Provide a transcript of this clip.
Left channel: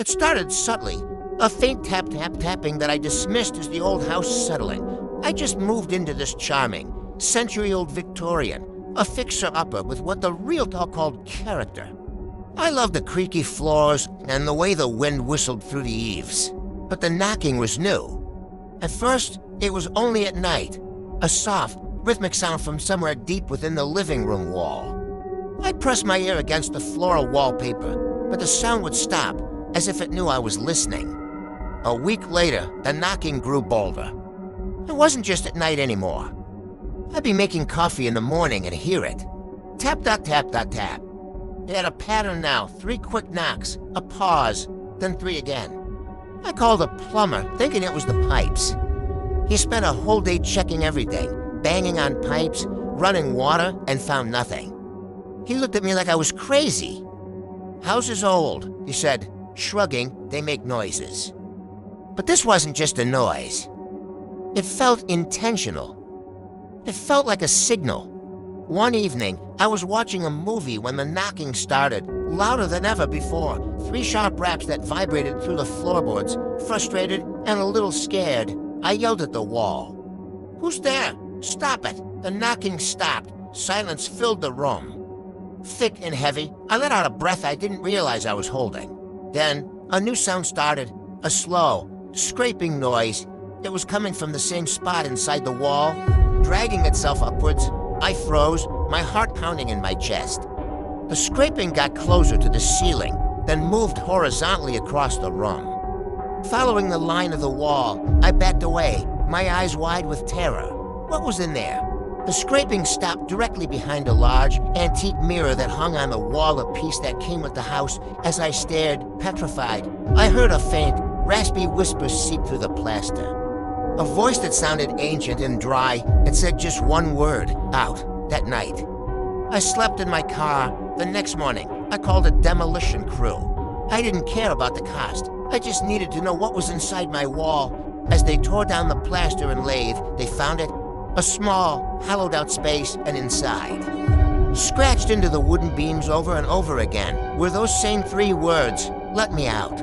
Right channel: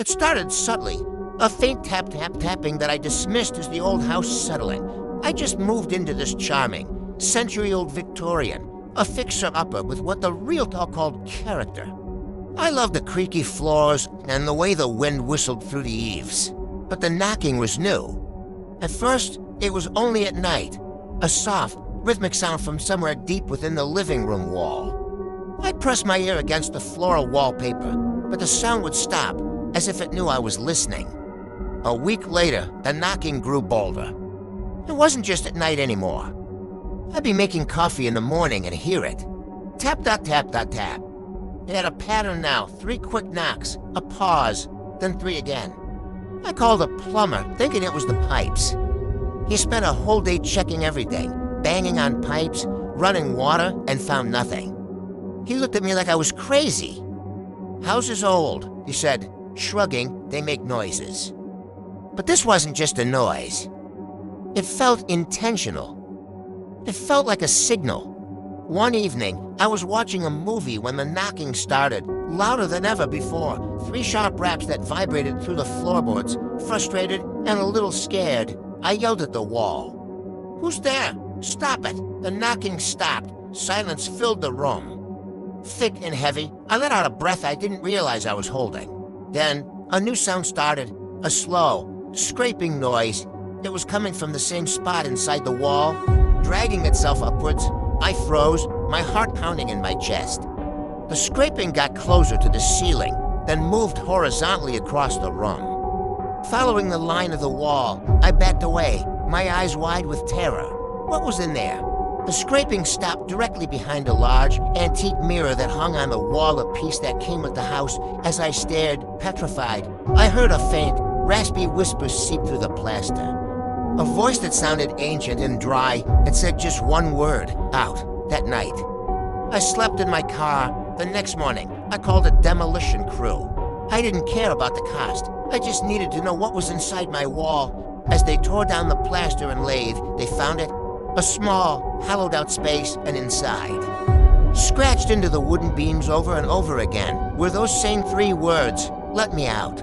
It started subtly, a faint tap-tap-tapping that I dismissed as the old house settling. I just moved into this charming, century-old Victorian, a fixer-upper with what the realtor called character. I loved the creaky floors and the way the wind whistled through the eaves. But the knocking was new. At first, it was only at night, a soft, rhythmic sound from somewhere deep within the living room wall. I pressed my ear against the floral wallpaper, but the sound would stop, as if it knew I was listening. A week later, the knocking grew bolder. It wasn't just at night anymore. I'd be making coffee in the morning and hear it. Tap-dot-tap-dot-tap. It had a pattern now, 3 quick knocks, a pause, then 3 again. I called a plumber, thinking it was the pipes. He spent a whole day checking everything, banging on pipes, running water, and found nothing. He looked at me like I was crazy. "House is old," he said, shrugging. "They make noises." But this wasn't just a noise. It felt intentional. It felt like a signal. One evening, I was watching a movie when the knocking started, louder than ever before, 3 sharp raps that vibrated through the floorboards. Frustrated and a little scared, I yelled at the wall. "Who's there? Stop it!" The knocking stopped. Silence filled the room. Thick and heavy, I let out a breath I didn't realize I was holding. Then, a new sound started, a slow, scraping noise. It was coming from the same spot inside the wall, dragging itself upwards. I froze, my heart pounding in my chest. The scraping got closer to the ceiling, then moved horizontally across the room. Following the line of the wall, I backed away, my eyes wide with terror. What was in there? The scraping stopped directly behind a large, antique mirror that hung on the wall, a piece that came with the house. As I stared, petrified, I heard a faint, raspy whisper seep through the plaster. A voice that sounded ancient and dry. It said just one word, out, that night. I slept in my car. The next morning, I called a demolition crew. I didn't care about the cost. I just needed to know what was inside my wall. As they tore down the plaster and lathe, they found it. A small, hollowed-out space, and inside, scratched into the wooden beams over and over again, were those same 3 words, "Let me out."